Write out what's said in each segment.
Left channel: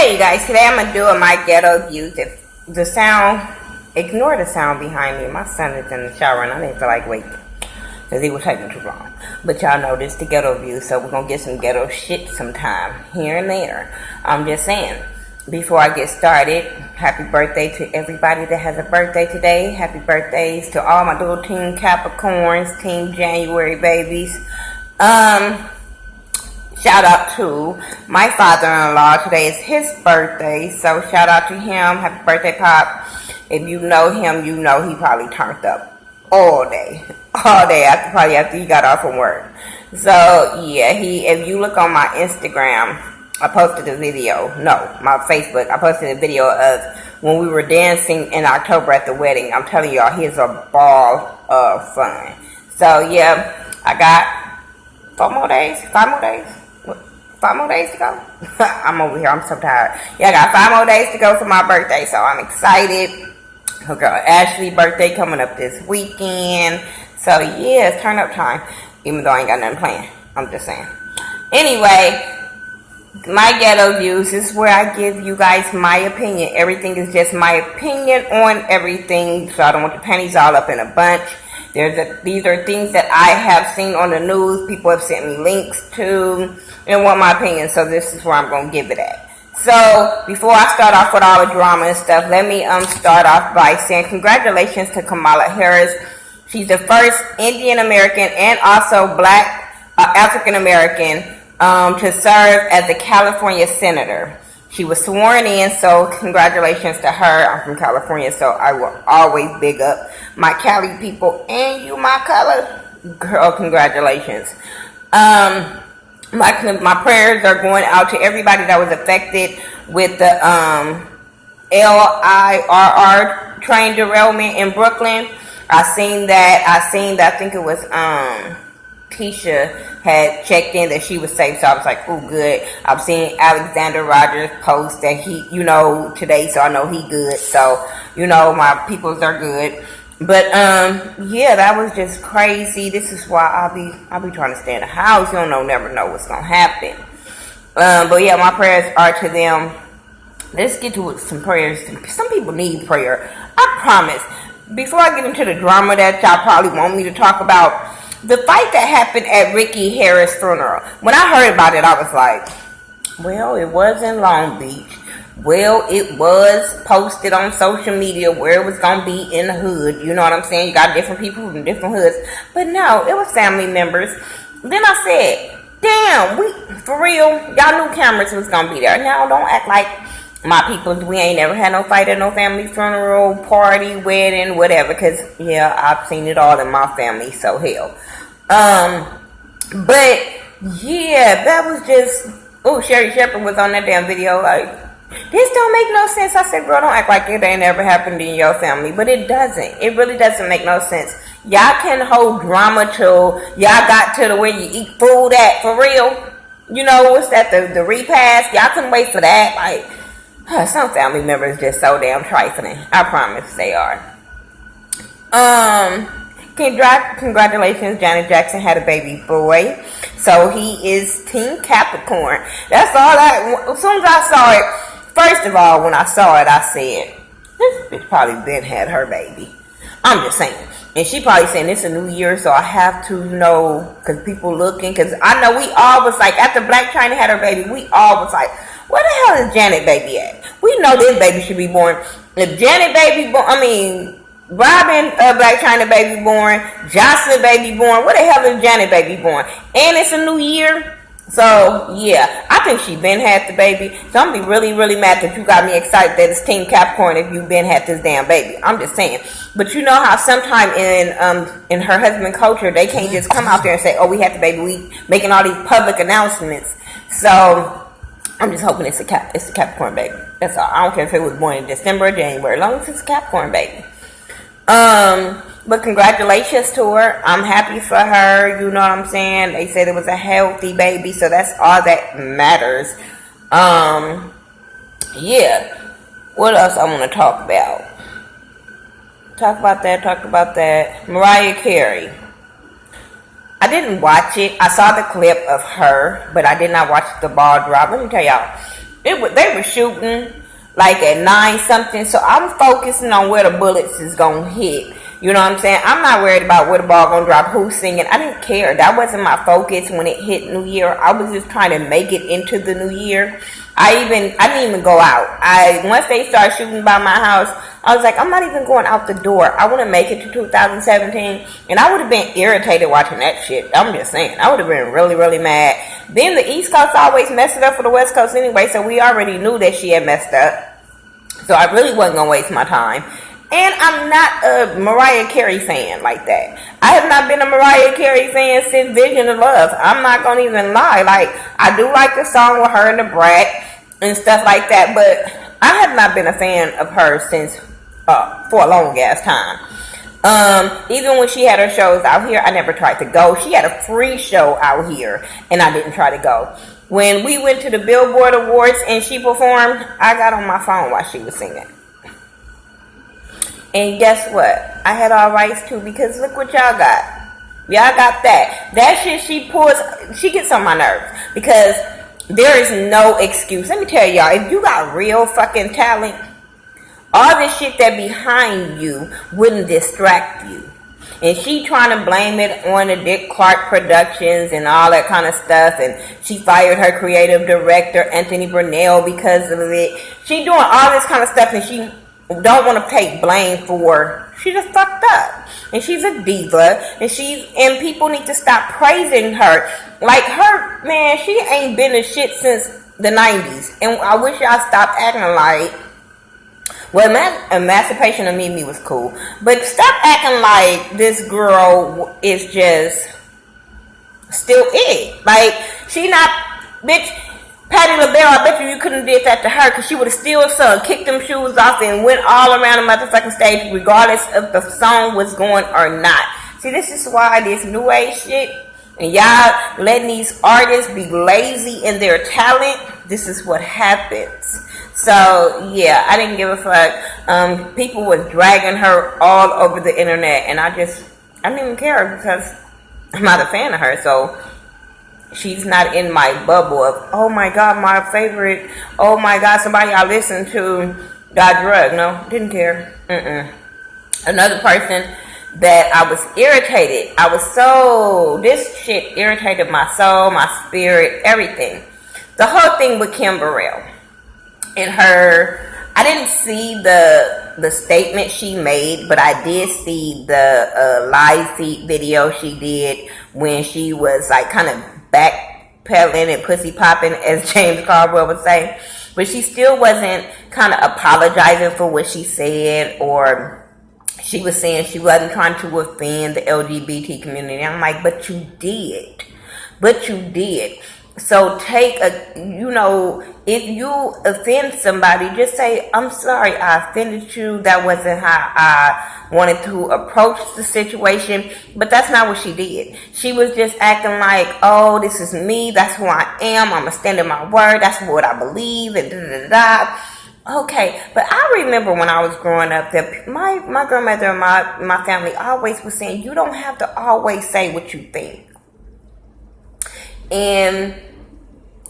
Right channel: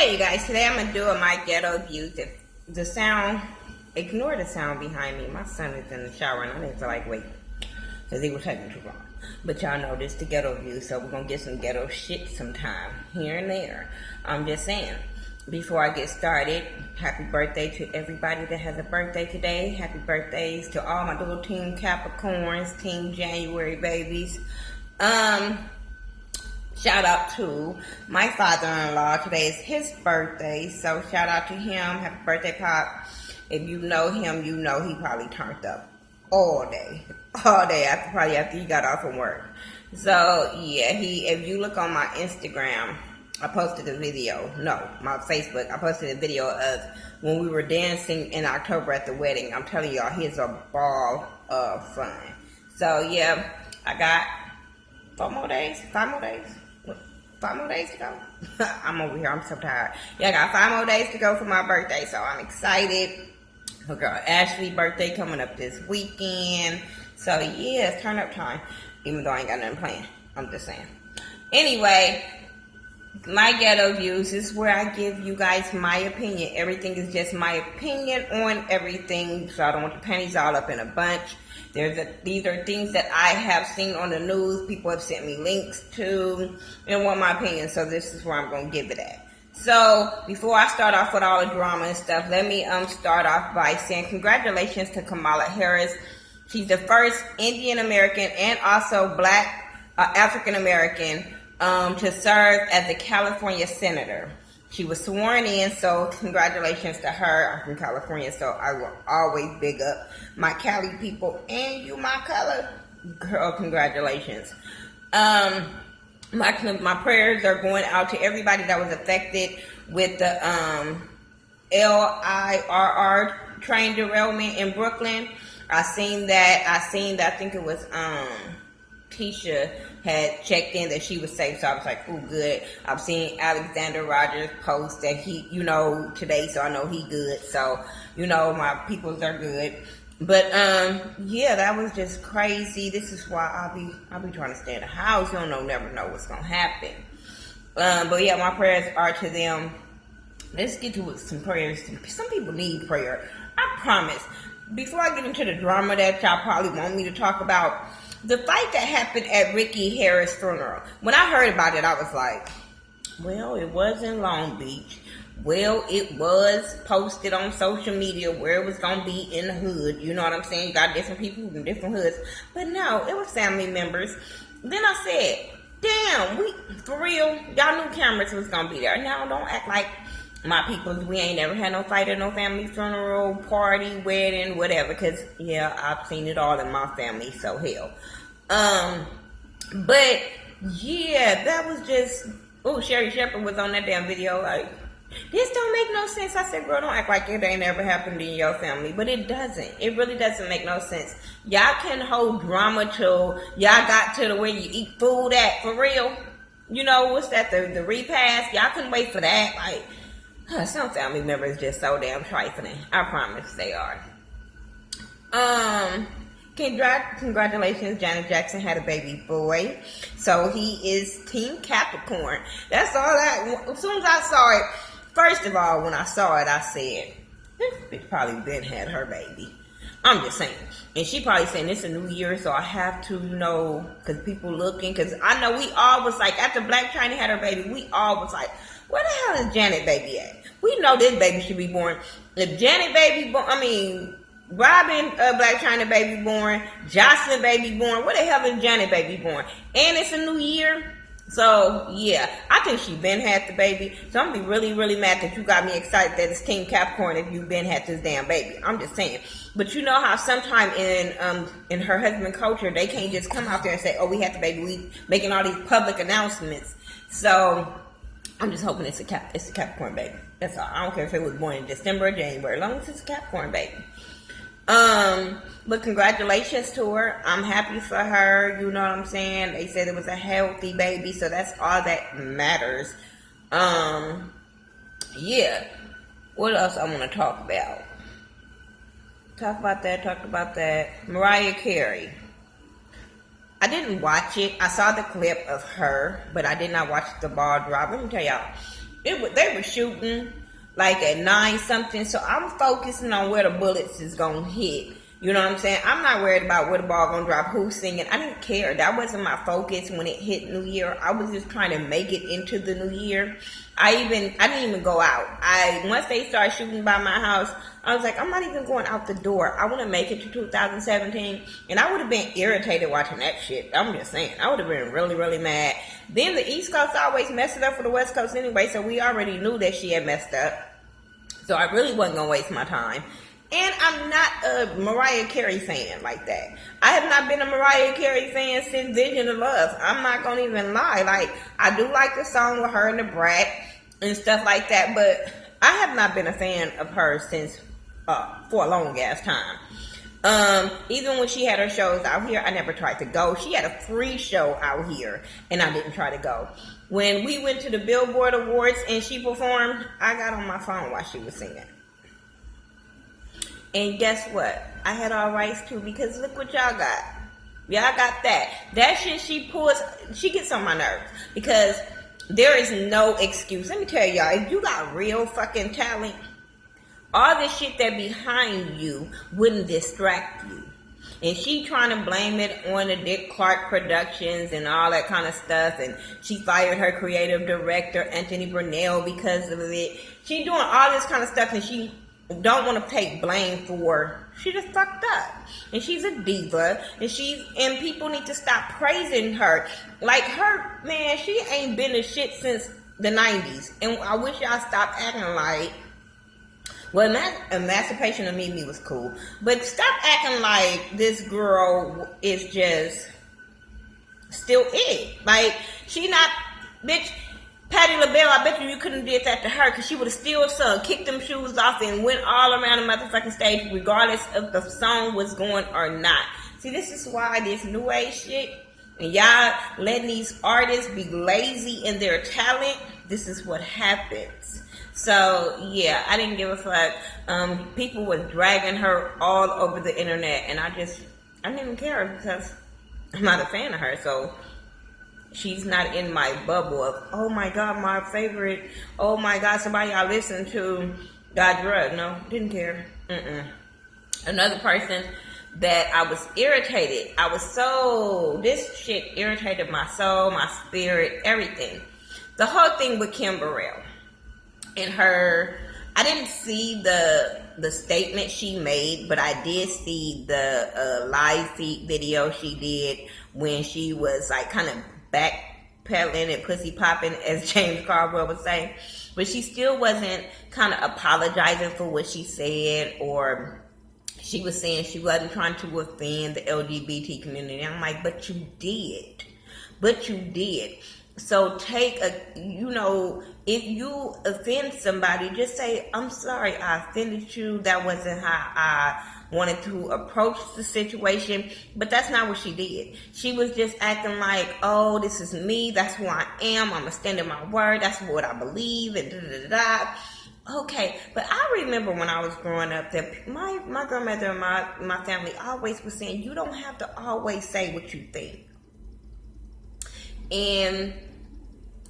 Hey you guys, today I'm gonna do my ghetto views. If the sound, ignore the sound behind me. My son is in the shower and I didn't feel like waiting because he was taking too long. But y'all know this the ghetto view, so we're gonna get some ghetto shit sometime here and there. I'm just saying. Before I get started, happy birthday to everybody that has a birthday today. Happy birthdays to all my little Team Capricorns, Team January babies. Shout out to my father-in-law. Today is his birthday, so shout out to him. Happy birthday, Pop. If you know him, you know he probably turned up all day after he got off from work. So yeah, if you look on my Instagram, I posted a video. No, my Facebook. I posted a video of when we were dancing in October at the wedding. I'm telling y'all, he's a ball of fun. So yeah, I got 5 more days to go. I'm over here. I'm so tired. Yeah, I got 5 more days to go for my birthday, so I'm excited. Her girl Ashley's birthday coming up this weekend. So yeah, it's turn up time. Even though I ain't got nothing planned. I'm just saying. Anyway, my ghetto views is where I give you guys my opinion. Everything is just my opinion on everything. So I don't want the panties all up in a bunch. These are things that I have seen on the news. People have sent me links to and want my opinion. So this is where I'm going to give it at. So before I start off with all the drama and stuff, let me start off by saying congratulations to Kamala Harris. She's the first Indian American and also black African American to serve as a California senator. She was sworn in, so congratulations to her. I'm from California, so I will always big up my Cali people and you, my color. Girl, congratulations. My prayers are going out to everybody that was affected with the LIRR train derailment in Brooklyn. I think it was Keisha had checked in that she was safe, so I was like, oh, good. I've seen Alexander Rogers post that he, today, so I know he good. So, my peoples are good. But, yeah, that was just crazy. This is why I'll be trying to stay in the house. You never know what's going to happen. But, yeah, my prayers are to them. Let's get to some prayers. Some people need prayer. I promise. Before I get into the drama that y'all probably want me to talk about, the fight that happened at Ricky Harris' funeral. When I heard about it, I was like, well, it was in Long Beach. Well, it was posted on social media where it was going to be in the hood. You know what I'm saying? You got different people from different hoods. But no, it was family members. Then I said, damn, for real, y'all knew cameras was going to be there. Now, don't act like my people, we ain't never had no fight at no family funeral, party, wedding, whatever. Because, yeah, I've seen it all in my family, so hell. But, yeah, that was just, Sherry Shepherd was on that damn video like, this don't make no sense. I said, girl, don't act like it ain't ever happened in your family. But it doesn't. It really doesn't make no sense. Y'all can hold drama till y'all got to the where you eat food at, for real. What's that, the repast? Y'all couldn't wait for that. Like, some family members just so damn trifling. I promise they are. Congratulations, Janet Jackson had a baby boy. So he is Team Capricorn. That's all as soon as I saw it, first of all, when I saw it, I said, this bitch probably been had her baby. I'm just saying. And she probably saying it's a new year, so I have to know, because people looking, because I know we all was like, after Black China had her baby, we all was like, where the hell is Janet baby at? We know this baby should be born. If Janet baby born, Robin Black China baby born, Jocelyn baby born, where the hell is Janet baby born? And it's a new year. So, yeah, I think she been had the baby. So I'm going to be really, really mad that you got me excited that it's Team Capricorn if you been had this damn baby. I'm just saying. But you know how sometime in her husband culture, they can't just come out there and say, oh, we had the baby. We making all these public announcements. So I'm just hoping it's a Capricorn baby. That's all. I don't care if it was born in December or January, as long as it's a Capricorn baby. But congratulations to her. I'm happy for her. You know what I'm saying? They said it was a healthy baby, so that's all that matters. Yeah. What else I want to talk about? Talk about that. Mariah Carey. I didn't watch it. I saw the clip of her, but I did not watch the ball drop. Let me tell y'all. They were shooting like at 9 something. So I'm focusing on where the bullets is gonna hit. You know what I'm saying? I'm not worried about where the ball gonna drop, who's singing. I didn't care. That wasn't my focus when it hit New Year. I was just trying to make it into the New Year. I didn't even go out. Once they started shooting by my house, I was like, I'm not even going out the door. I want to make it to 2017, and I would have been irritated watching that shit. I'm just saying, I would have been really, really mad. Then the East Coast always messed it up for the West Coast anyway, so we already knew that she had messed up. So I really wasn't gonna waste my time. And I'm not a Mariah Carey fan like that. I have not been a Mariah Carey fan since Vision of Love. I'm not going to even lie. Like, I do like the song with her and the Brat and stuff like that, but I have not been a fan of her since, for a long ass time. Even when she had her shows out here, I never tried to go. She had a free show out here, and I didn't try to go. When we went to the Billboard Awards and she performed, I got on my phone while she was singing. And guess what? I had all rights too, because look what y'all got. Y'all got that. That shit she pulls, she gets on my nerves. Because there is no excuse. Let me tell y'all, if you got real fucking talent, all this shit that behind you wouldn't distract you. And she trying to blame it on the Dick Clark Productions and all that kind of stuff. And she fired her creative director, Anthony Burrell, because of it. She doing all this kind of stuff, and she don't want to take blame for. She just fucked up, and she's a diva, and people need to stop praising her. Like her, man, she ain't been a shit since the 90s, and I wish y'all stopped acting like. Well, Emancipation of Mimi was cool, but stop acting like this girl is just still it. Like, she not, bitch. Patti LaBelle, I bet you couldn't have did that to her, because she would have still sung, kicked them shoes off, and went all around the motherfucking stage, regardless if the song was going or not. See, this is why this new age shit, and y'all letting these artists be lazy in their talent, this is what happens. So, yeah, I didn't give a fuck. People was dragging her all over the internet, and I didn't even care, because I'm not a fan of her, so she's not in my bubble of, oh my God, my favorite, oh my God, somebody I listen to got drugged. No, didn't care. Another person that I was irritated. This shit irritated my soul, my spirit, everything. The whole thing with Kim Burrell and her, I didn't see the statement she made, but I did see the live feed video she did when she was like kind of backpedaling and pussy popping, as James Caldwell would say. But she still wasn't kind of apologizing for what she said, or she was saying she wasn't trying to offend the LGBT community. I'm like, but you did. So if you offend somebody, just say, I'm sorry, I offended you. That wasn't how I wanted to approach the situation. But that's not what she did. She was just acting like, oh, this is me. That's who I am. I'm going to stand in my word. That's what I believe. And da-da-da-da. Okay, but I remember when I was growing up that my grandmother and my family always was saying, you don't have to always say what you think. And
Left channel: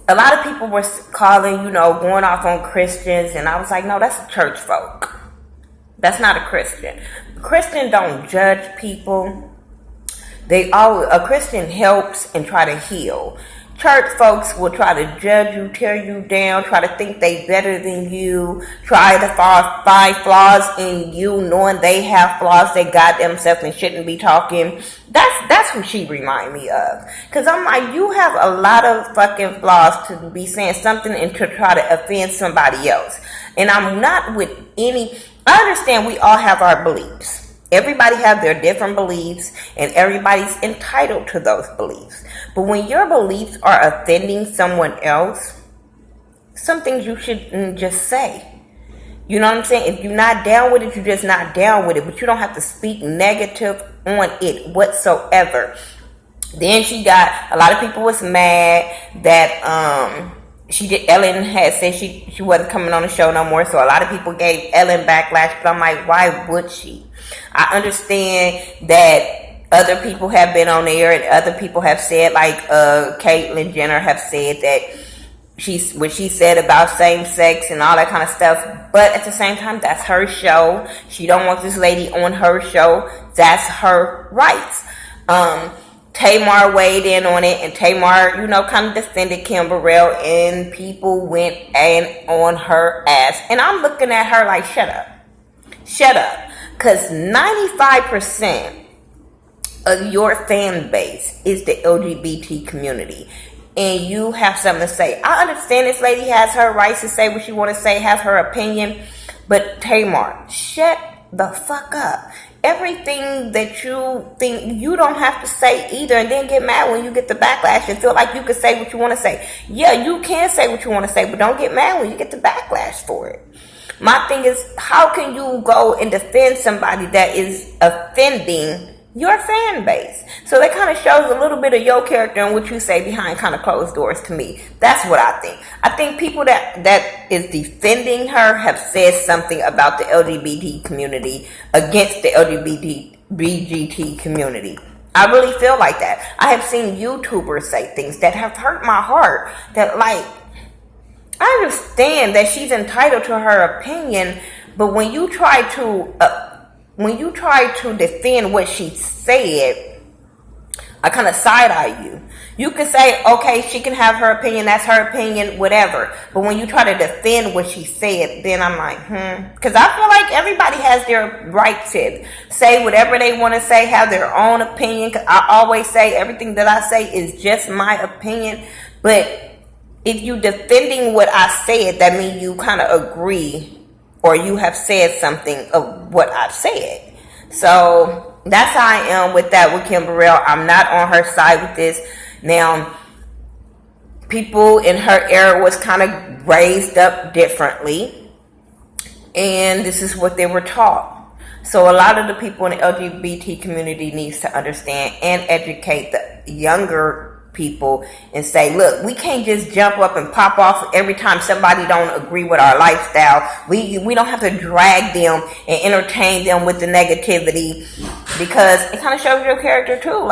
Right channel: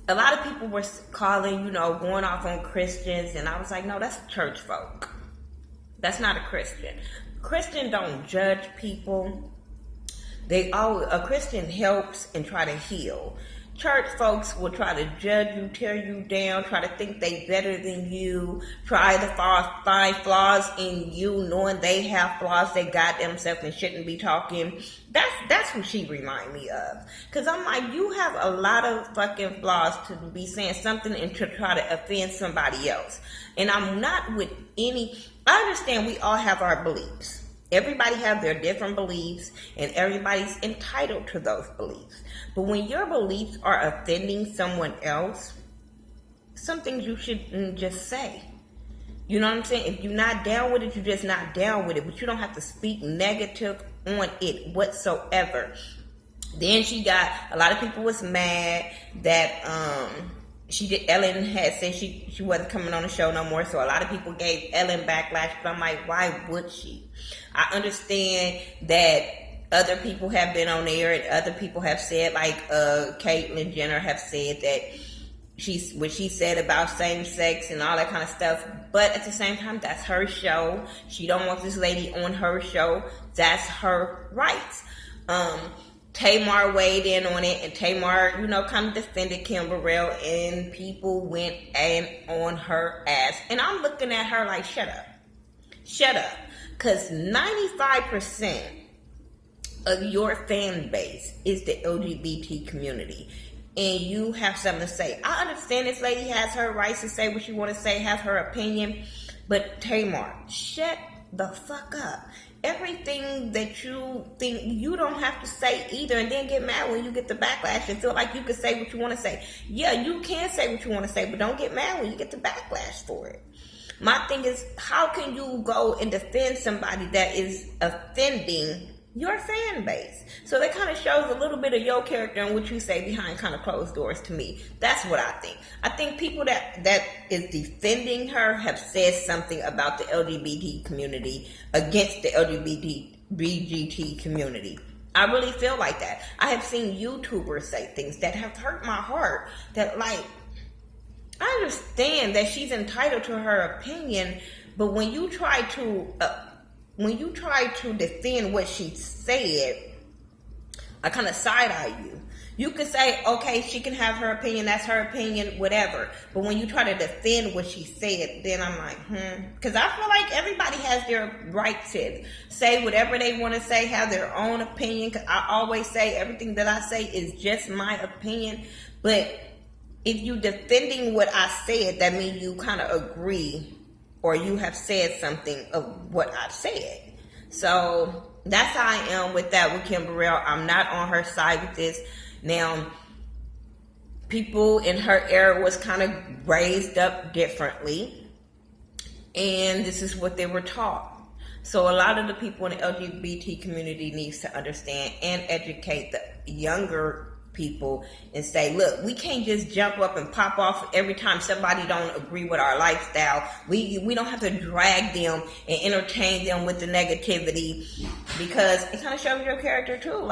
a lot of people were calling, going off on Christians, and I was like, no, that's a church folk. That's not a Christian. A Christian don't judge people. A Christian helps and try to heal. Church folks will try to judge you, tear you down, try to think they better than you, try to find flaws in you, knowing they have flaws they got themselves and shouldn't be talking. That's who she remind me of. Because I'm like, you have a lot of fucking flaws to be saying something and to try to offend somebody else. And I'm not with any. I understand we all have our beliefs. Everybody have their different beliefs, and everybody's entitled to those beliefs. But when your beliefs are offending someone else, some things you shouldn't just say. You know what I'm saying? If you're not down with it, you're just not down with it. But you don't have to speak negative on it whatsoever. Then she got, a lot of people was mad that Ellen had said she wasn't coming on the show no more. So a lot of people gave Ellen backlash. But I'm like, why would she? I understand that other people have been on there and other people have said, like Caitlyn Jenner have said that what she said about same sex and all that kind of stuff. But at the same time, that's her show. She don't want this lady on her show. That's her rights. Tamar weighed in on it, and Tamar, kind of defended Kim Burrell, and people went on her ass. And I'm looking at her like, shut up, because 95% of your fan base is the LGBT community, and you have something to say. I understand this lady has her rights to say what she want to say, have her opinion, but Tamar, shut the fuck up. Everything that you think, you don't have to say either, and then get mad when you get the backlash and feel like you can say what you want to say. Yeah, you can say what you want to say, but don't get mad when you get the backlash for it. My thing is, how can you go and defend somebody that is offending your fan base? So that kind of shows a little bit of your character and what you say behind kind of closed doors to me. That's what I think. I think people that is defending her have said something about the LGBT community against the LGBT community. I really feel like that. I have seen YouTubers say things that have hurt my heart. That, like, I understand that she's entitled to her opinion, but when you try to defend what she said, I kind of side-eye you. You can say, okay, she can have her opinion, that's her opinion, whatever. But when you try to defend what she said, then I'm like, Because I feel like everybody has their right to say whatever they want to say, have their own opinion. I always say everything that I say is just my opinion. But if you defending what I said, that means you kind of agree, or you have said something of what I've said. So that's how I am with that with Kim Burrell. I'm not on her side with this. Now, people in her era was kind of raised up differently, and this is what they were taught. So a lot of the people in the LGBT community needs to understand and educate the younger people and say, look, we can't just jump up and pop off every time somebody don't agree with our lifestyle. We don't have to drag them and entertain them with the negativity, because it kind of shows your character too.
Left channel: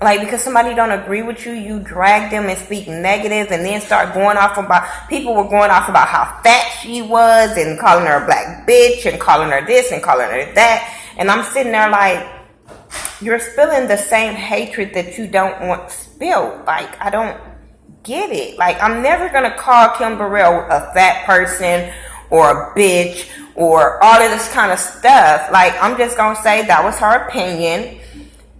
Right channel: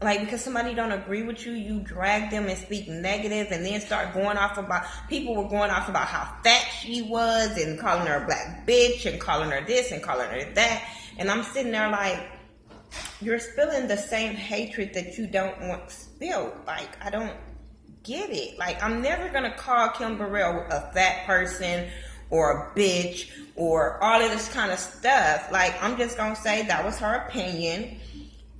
Like because somebody don't agree with you, you drag them and speak negative, and then start going off about, people were going off about how fat she was and calling her a black bitch and calling her this and calling her that. And I'm sitting there like, you're spilling the same hatred that you don't want spilled. Like, I don't get it. Like, I'm never going to call Kim Burrell a fat person or a bitch or all of this kind of stuff. Like, I'm just going to say that was her opinion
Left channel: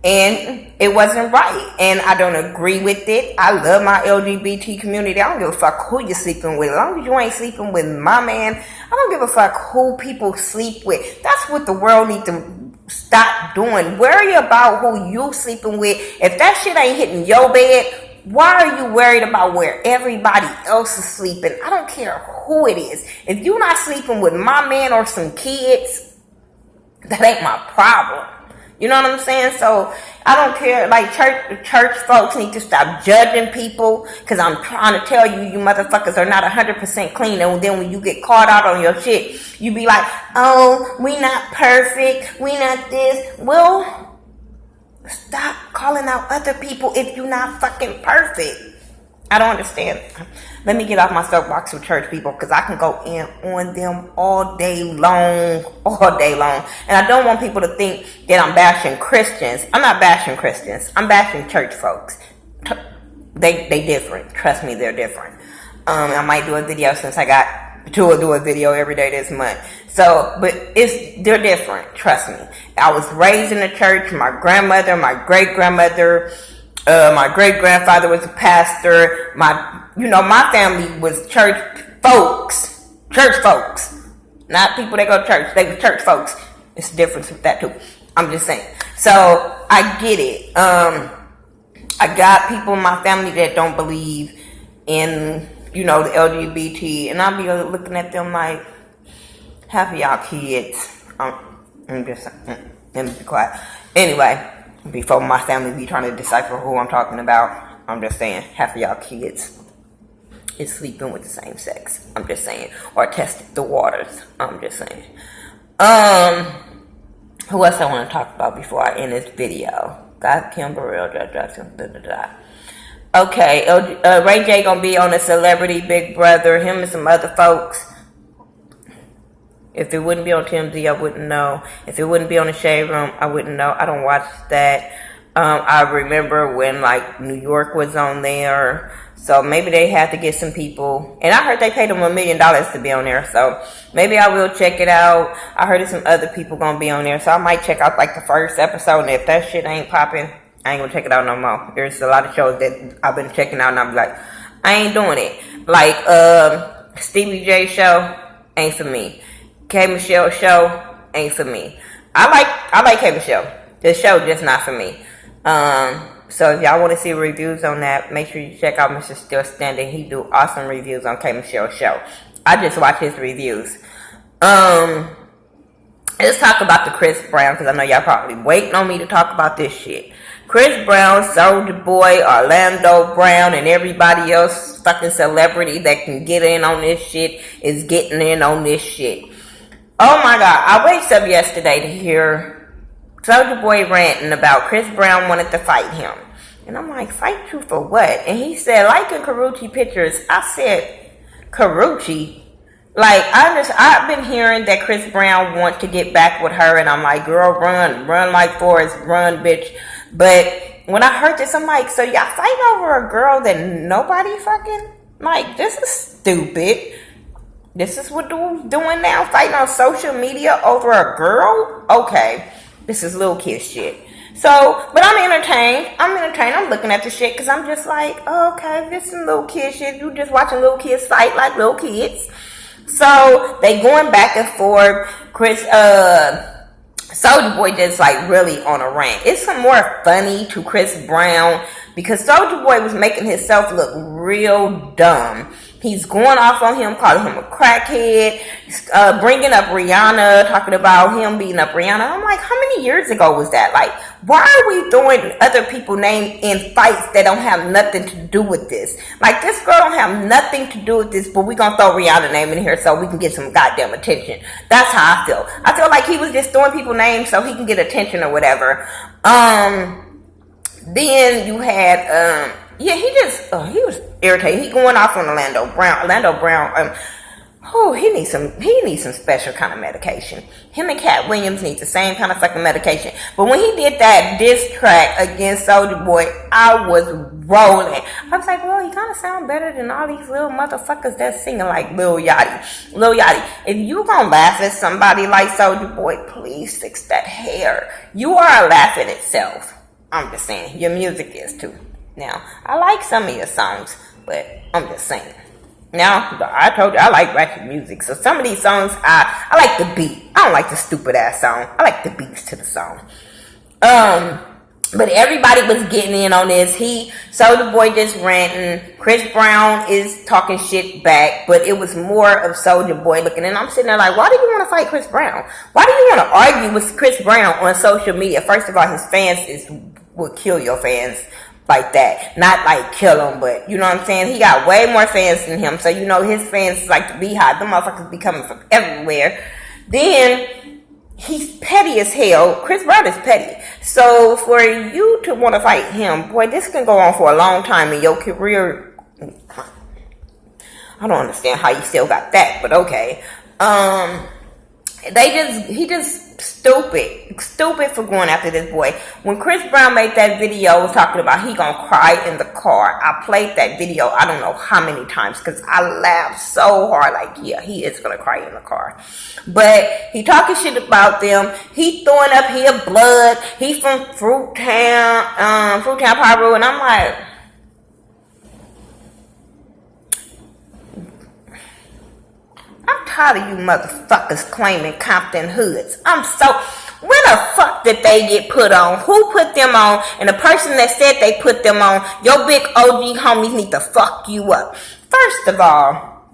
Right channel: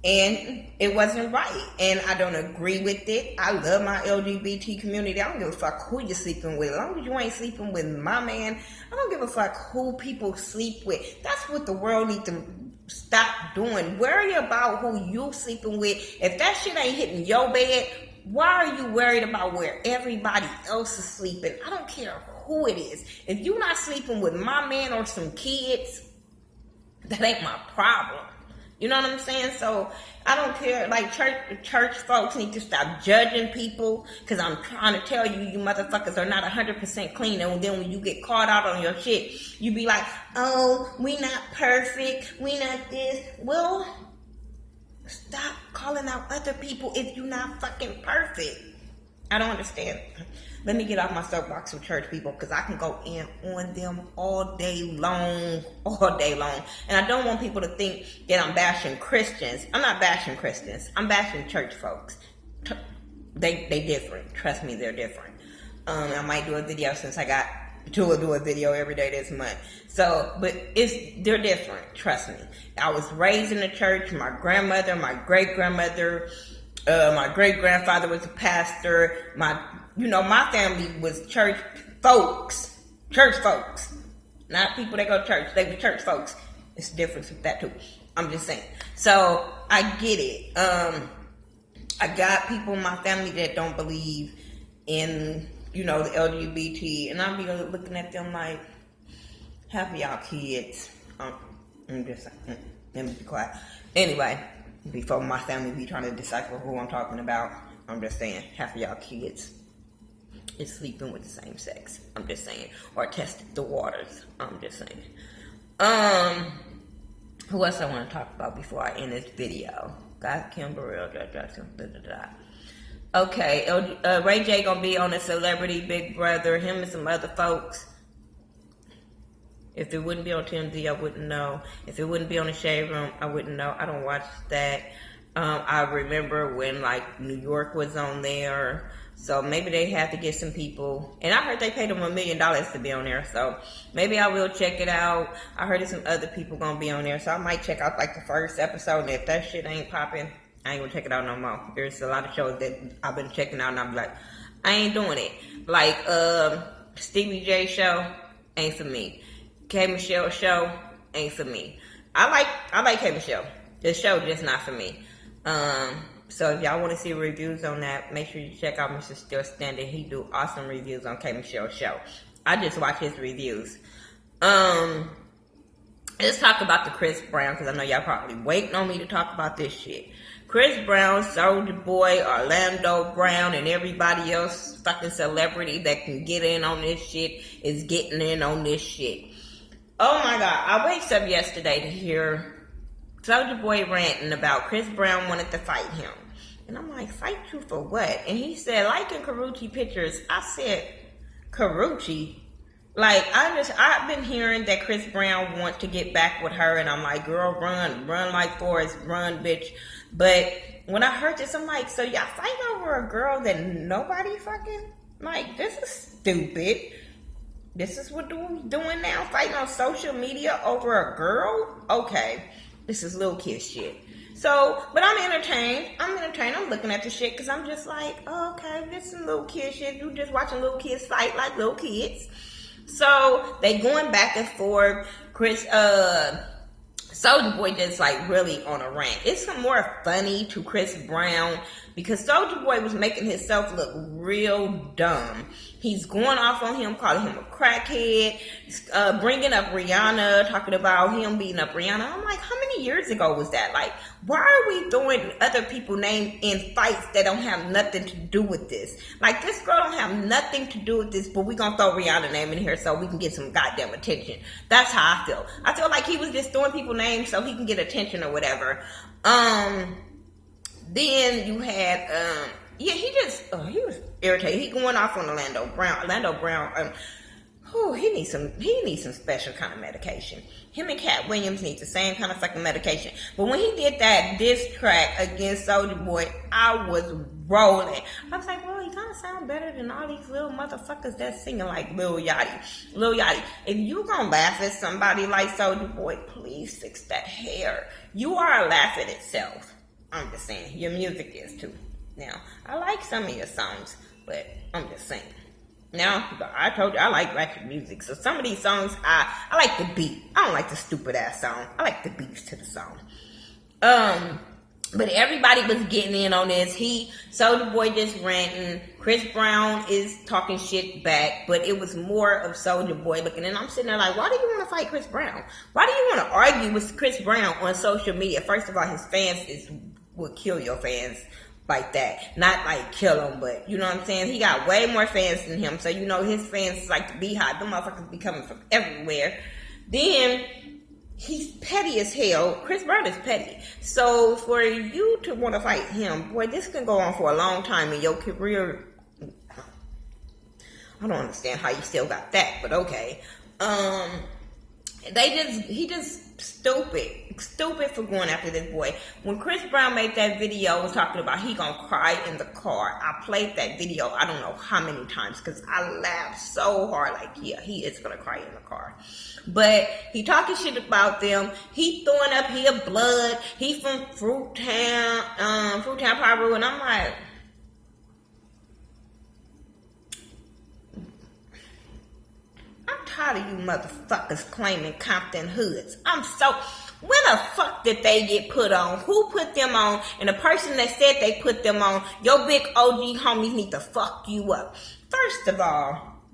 and it wasn't right. And I don't agree with it. I love my LGBT community. I don't give a fuck who you're sleeping with. As long as you ain't sleeping with my man, I don't give a fuck who people sleep with. That's what the world needs to stop doing. Worry about who you sleeping with. If that shit ain't hitting your bed, why are you worried about where everybody else is sleeping? I don't care who it is. If you're not sleeping with my man or some kids, that ain't my problem. You know what I'm saying? So I don't care. Like, church folks need to stop judging people, because I'm trying to tell you, you motherfuckers are not 100% clean. And then when you get caught out on your shit, you be like, oh, we not perfect, we not this. Well, stop calling out other people if you're not fucking perfect. I don't understand. Let me get off my soapbox with church people, because I can go in on them all day long. And I don't want people to think that I'm bashing Christians. I'm not bashing Christians. I'm bashing church folks. They different. Trust me, they're different. I might do a video, since I got to do a video every day this month. So, but they're different. Trust me. I was raised in the church. My grandmother, my great-grandmother, my great-grandfather was a pastor. My family was church folks. Not people that go to church. They were church folks. It's a difference with that too. I'm just saying. So, I get it. I got people in my family that don't believe in, the LGBT. And I'll be looking at them like, half of y'all kids. I'm just saying. Let me be quiet. Anyway, before my family be trying to decipher who I'm talking about, I'm just saying, half of y'all kids is sleeping with the same sex. I'm just saying. Or tested the waters. I'm just saying. Who else I want to talk about before I end this video? Got Kim Burrell, Okay, Ray J gonna be on a Celebrity Big Brother. Him and some other folks. If it wouldn't be on TMZ, I wouldn't know. If it wouldn't be on the Shade Room, I wouldn't know. I don't watch that. I remember when like New York was on there, so maybe they had to get some people. And I heard they paid them $1 million to be on there, so maybe I will check it out. I heard there's some other people gonna be on there, so I might check out like the first episode. And if that shit ain't popping, I ain't gonna check it out no more. There's a lot of shows that I've been checking out, and I'm like, I ain't doing it. Like Stevie J show ain't for me. K Michelle show ain't for me. I like K Michelle. The show just not for me. So if y'all want to see reviews on that, make sure you check out Mr. Still Standing. He do awesome reviews on K Michelle's show. I just watch his reviews. Let's talk about the Chris Brown, because I know y'all probably waiting on me to talk about this shit. Chris Brown, Soulja Boy, Orlando Brown, and everybody else fucking celebrity that can get in on this shit is getting in on this shit. Oh my God, I waked up yesterday to hear Soulja Boy ranting about Chris Brown wanted to fight him. And I'm like, fight you for what? And he said, liking Karrueche pictures. I said, Karrueche? Like, I've been hearing that Chris Brown want to get back with her, and I'm like, girl, run like Forrest, run, bitch. But when I heard this, I'm like, so y'all fighting over a girl that nobody fucking, like, this is stupid. This is what dude's doing now, fighting on social media over a girl? Okay, this is little kid shit. So, but I'm entertained. I'm looking at the shit because I'm just like, oh, okay, this is some little kid shit. You just watching little kids fight like little kids. So, they going back and forth. Soulja Boy just like really on a rant. It's some more funny to Chris Brown because Soulja Boy was making himself look real dumb. He's going off on him, calling him a crackhead, bringing up Rihanna, talking about him beating up Rihanna. I'm like, how many years ago was that? Like, why are we throwing other people's names in fights that don't have nothing to do with this? Like, this girl don't have nothing to do with this, but we gonna throw Rihanna's name in here so we can get some goddamn attention. That's how I feel. I feel like he was just throwing people's names so he can get attention or whatever. Then you had, he was irritated. He going off on Orlando Brown. He needs some special kind of medication. Him and Cat Williams need the same kind of fucking medication. But when he did that diss track against Soulja Boy, I was rolling. I was like, well, he kind of sound better than all these little motherfuckers that's singing like Lil Yachty. Lil Yachty, if you gonna laugh at somebody like Soulja Boy, please fix that hair. You are a laugh in itself. I'm just saying, your music is too. Now, I like some of your songs, but I'm just saying. Now, I told you I like ratchet music, so some of these songs, I like the beat. I don't like the stupid ass song. I like the beats to the song. But everybody was getting in on this. Soulja Boy just ranting. Chris Brown is talking shit back, but it was more of Soulja Boy looking. And I'm sitting there like, why do you want to fight Chris Brown? Why do you want to argue with Chris Brown on social media? First of all, his fans will kill your fans like that. Not like kill him, but you know what I'm saying? He got way more fans than him. So, you know, his fans is like the beehive. Them motherfuckers be coming from everywhere. Then, he's petty as hell. Chris Brown is petty. So, for you to want to fight him, boy, this can go on for a long time in your career. I don't understand how you still got that, but okay. He just stupid for going after this boy. When Chris Brown made that video talking about he gonna cry in the car, I played that video I don't know how many times because I laughed so hard. Like, yeah, he is gonna cry in the car. But he talking shit about them. He throwing up his blood. He from Fruittown, Piru, and I'm like, I'm tired of you motherfuckers claiming Compton hoods. When the fuck did they get put on? Who put them on? And the person that said they put them on, your big OG homies need to fuck you up. First of all,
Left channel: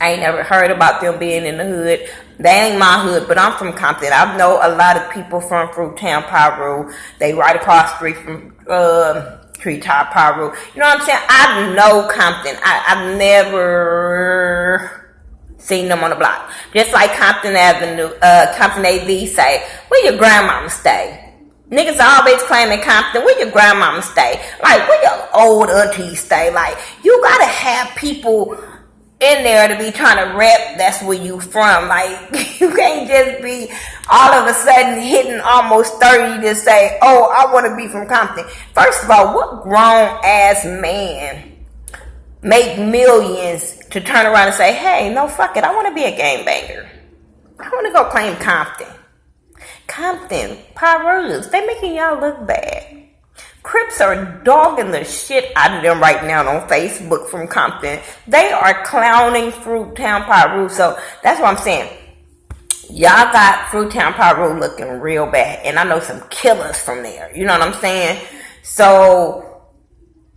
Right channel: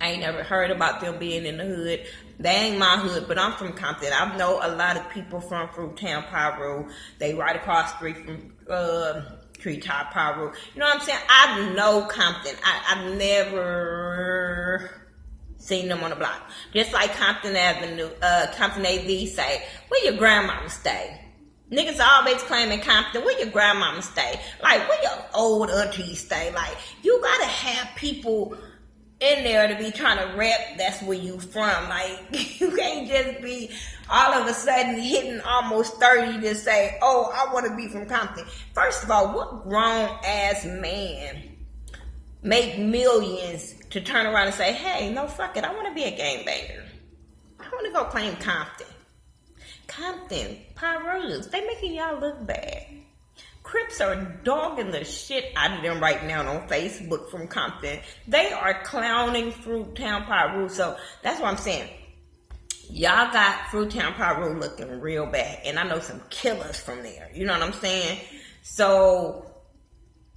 I ain't never heard about them being in the hood. They ain't my hood, but I'm from Compton. I know a lot of people from Fruittown, Piru. They right across the street from Treetop, Piru. You know what I'm saying? I know Compton. I've never seen them on the block. Just like Compton Avenue, Compton AV say, where your grandmama stay? Niggas always claiming Compton. Where your grandmama stay? Like, where your old aunties stay? Like, you gotta have people in there to be trying to rep that's where you from. Like, you can't just be all of a sudden hitting almost 30 to say, oh, I want to be from Compton. First of all, what grown ass man make millions to turn around and say, hey, no, fuck it, I want to be a gangbanger. I want to go claim Compton. Compton, Pyrus, they making y'all look bad. Crips are dogging the shit out of them right now on Facebook from Compton. They are clowning Fruittown, Piru. So that's what I'm saying. Y'all got Fruittown, Piru looking real bad. And I know some killers from there. You know what I'm saying? So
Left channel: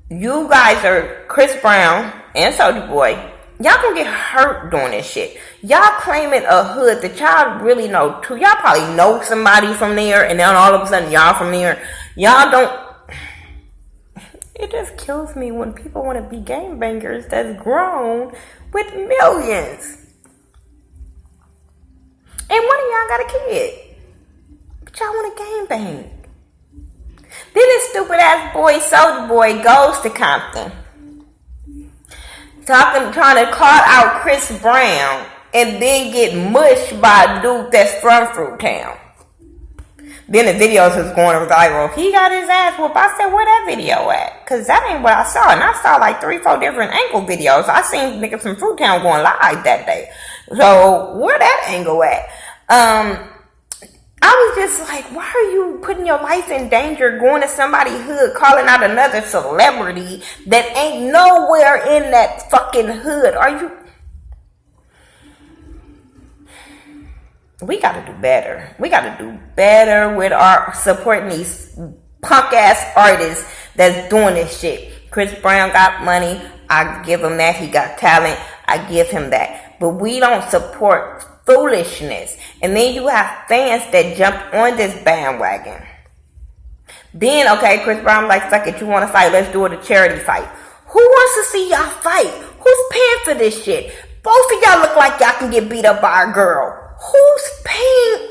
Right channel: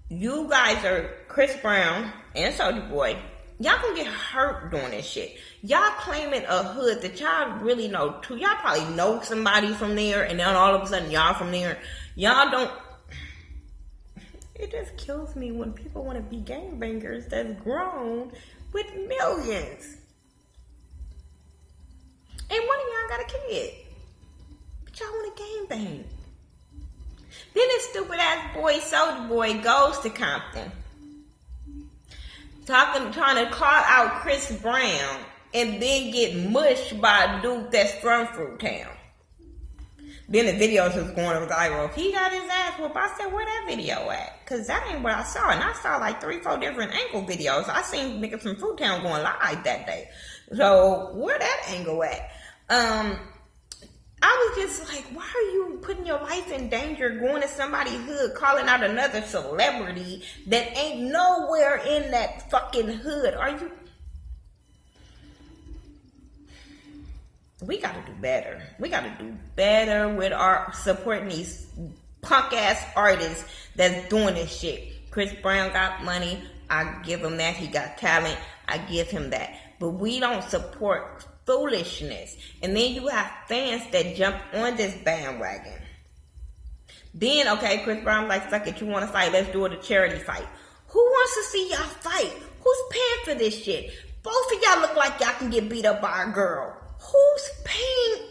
you guys are Chris Brown and Soulja Boy. Y'all gonna get hurt doing this shit. Y'all claiming a hood that y'all really know too. Y'all probably know somebody from there, and then all of a sudden y'all from there. Y'all don't. It just kills me when people want to be gangbangers that's grown with millions. And one of y'all got a kid. But y'all want to gangbang. Then this stupid ass boy, Soulja Boy, goes to Compton. Trying to call out Chris Brown and then get mushed by a dude that's from Fruittown. Then the videos was going viral. He got his ass whooped. I said, where that video at? Because that ain't what I saw. And I saw like 3-4 different angle videos. I seen niggas from Fruittown going live that day. So where that angle at? I was just like, why are you putting your life in danger going to somebody's hood, calling out another celebrity that ain't nowhere in that fucking hood? Are you... We gotta do better. We gotta do better with our supporting these punk ass artists that's doing this shit. Chris Brown got money. I give him that. He got talent. I give him that. But we don't support foolishness. And then you have fans that jump on this bandwagon. Then, okay, Chris Brown like, fuck it, you want to fight? Let's do it a charity fight. Who wants to see y'all fight? Who's paying for this shit? Both of y'all look like y'all can get beat up by a girl. Who's paying?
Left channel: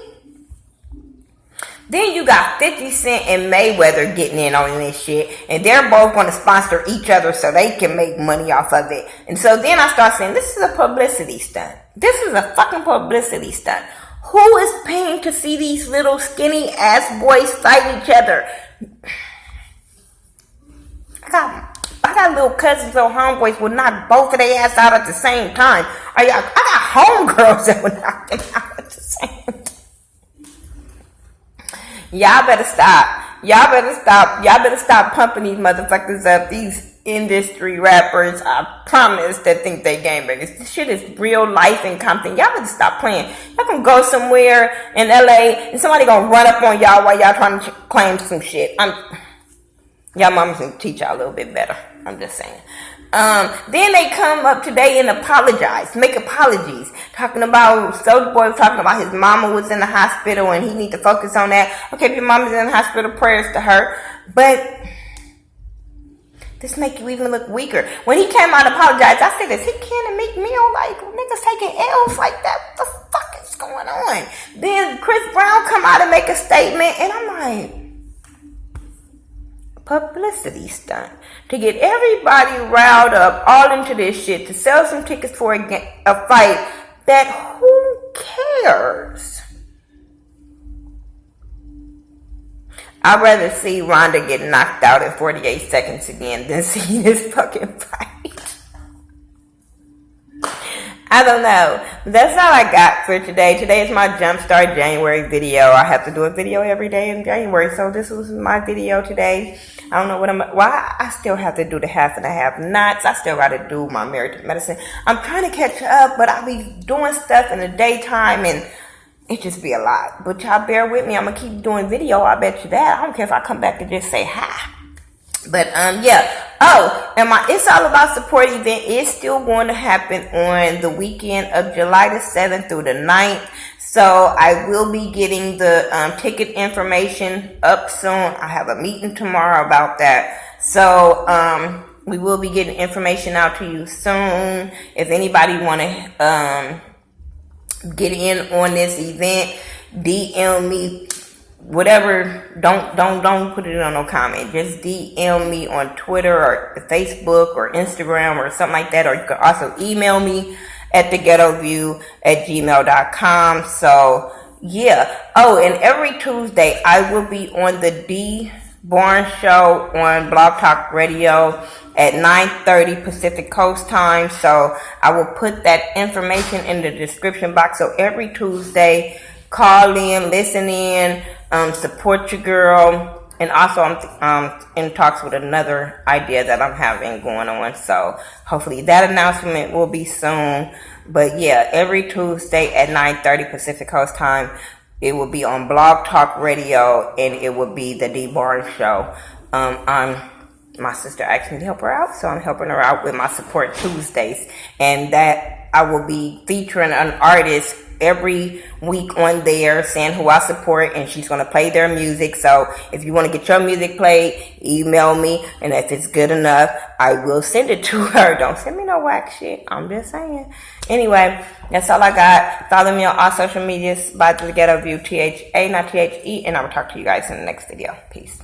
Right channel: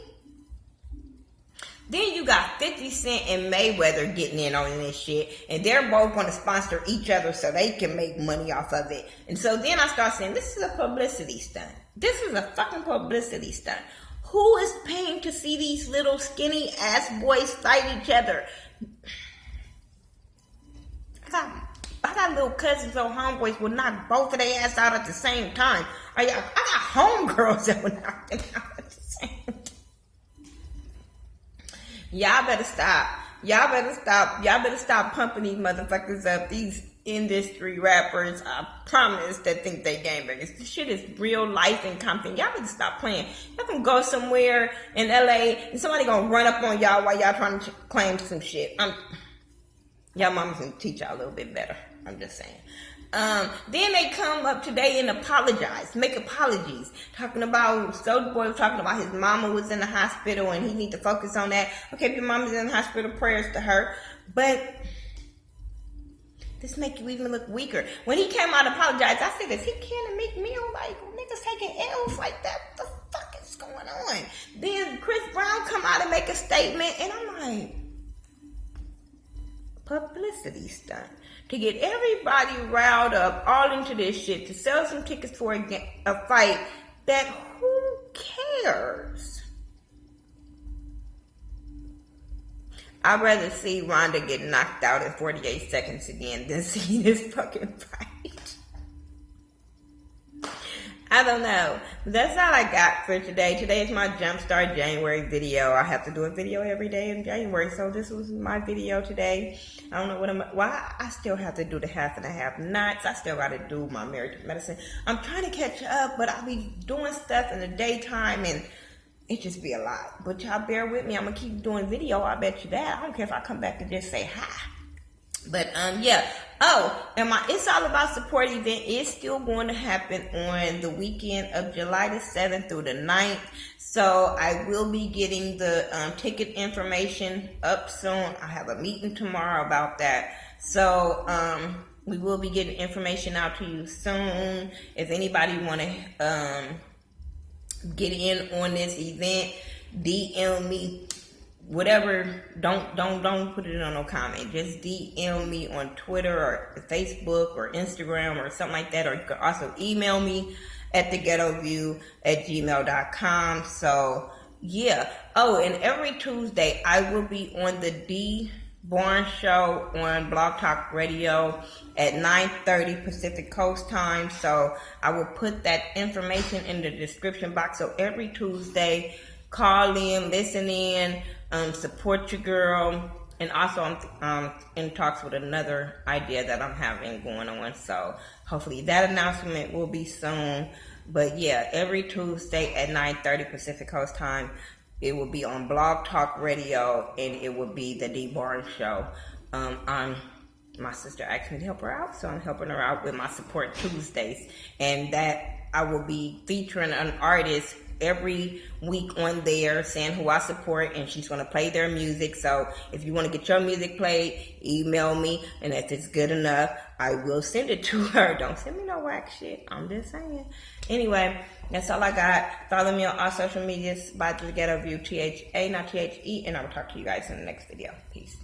Then you got 50 Cent and Mayweather getting in on this shit. And they're both going to sponsor each other so they can make money off of it. And so then I start saying, this is a publicity stunt. This is a fucking publicity stunt. Who is paying to see these little skinny ass boys fight each other? I got little cousins or homeboys would knock both of their ass out at the same time. I got homegirls that would knock them out at the same time. Y'all better stop. Y'all better stop pumping these motherfuckers up. These industry rappers, I promise, that think they gangbangers. This shit is real life in Compton. Y'all better stop playing. Y'all can go somewhere in LA and somebody gonna run up on y'all while y'all trying to claim some shit. Y'all mamas can teach y'all a little bit better. I'm just saying. Then they come up today and apologize, make apologies, talking about Soulja Boy was talking about his mama was in the hospital and he need to focus on that. Okay, if your mama's in the hospital, prayers to her. But this make you even look weaker. When he came out and apologized, I said, is he Ken and Meek Mill? Like, niggas taking L's like that? What the fuck is going on? Then Chris Brown come out and make a statement, and I'm like, publicity stunt. To get everybody riled up all into this shit, to sell some tickets for a fight that who cares? I'd rather see Ronda get knocked out in 48 seconds again than see this fucking fight. I don't know. That's all I got for today. Today is my Jumpstart January video. I have to do a video every day in January, so this was my video today. I don't know what I still have to do the half and a half nots. I still got to do my married to medicine. I'm trying to catch up, but I'll be doing stuff in the daytime and it just be a lot. But y'all bear with me. I'm going to keep doing video. I bet you that. I don't care if I come back and just say hi. But, yeah. Oh, and my It's All About Support event is still going to happen on the weekend of July the 7th through the 9th. So I will be getting the ticket information up soon. I have a meeting tomorrow about that. So, we will be getting information out to you soon. If anybody want to, get in on this event, DM me whatever, don't put it on no comment. Just DM me on Twitter or Facebook or Instagram or something like that. Or you can also email me at theghettoview@gmail.com. So yeah. Oh, and every Tuesday I will be on the D Barnes Show on Blog Talk Radio at 9:30 Pacific Coast time. So I will put that information in the description box. So every Tuesday, call in, listen in, support your girl. And also I'm in talks with another idea that I'm having going on. So hopefully that announcement will be soon. But yeah, every Tuesday at 9:30 Pacific Coast time, it will be on Blog Talk Radio, and it will be the D Barnes Show. My sister asked me to help her out, so I'm helping her out with my Support Tuesdays. And that I will be featuring an artist every week on there, saying who I support, and she's going to play their music. So if you want to get your music played, email me, and if it's good enough, I will send it to her. Don't send me no whack shit. I'm just saying. Anyway, that's all I got. Follow me on all social medias by The Ghetto View, THA, not THE, and I will talk to you guys in the next video. Peace.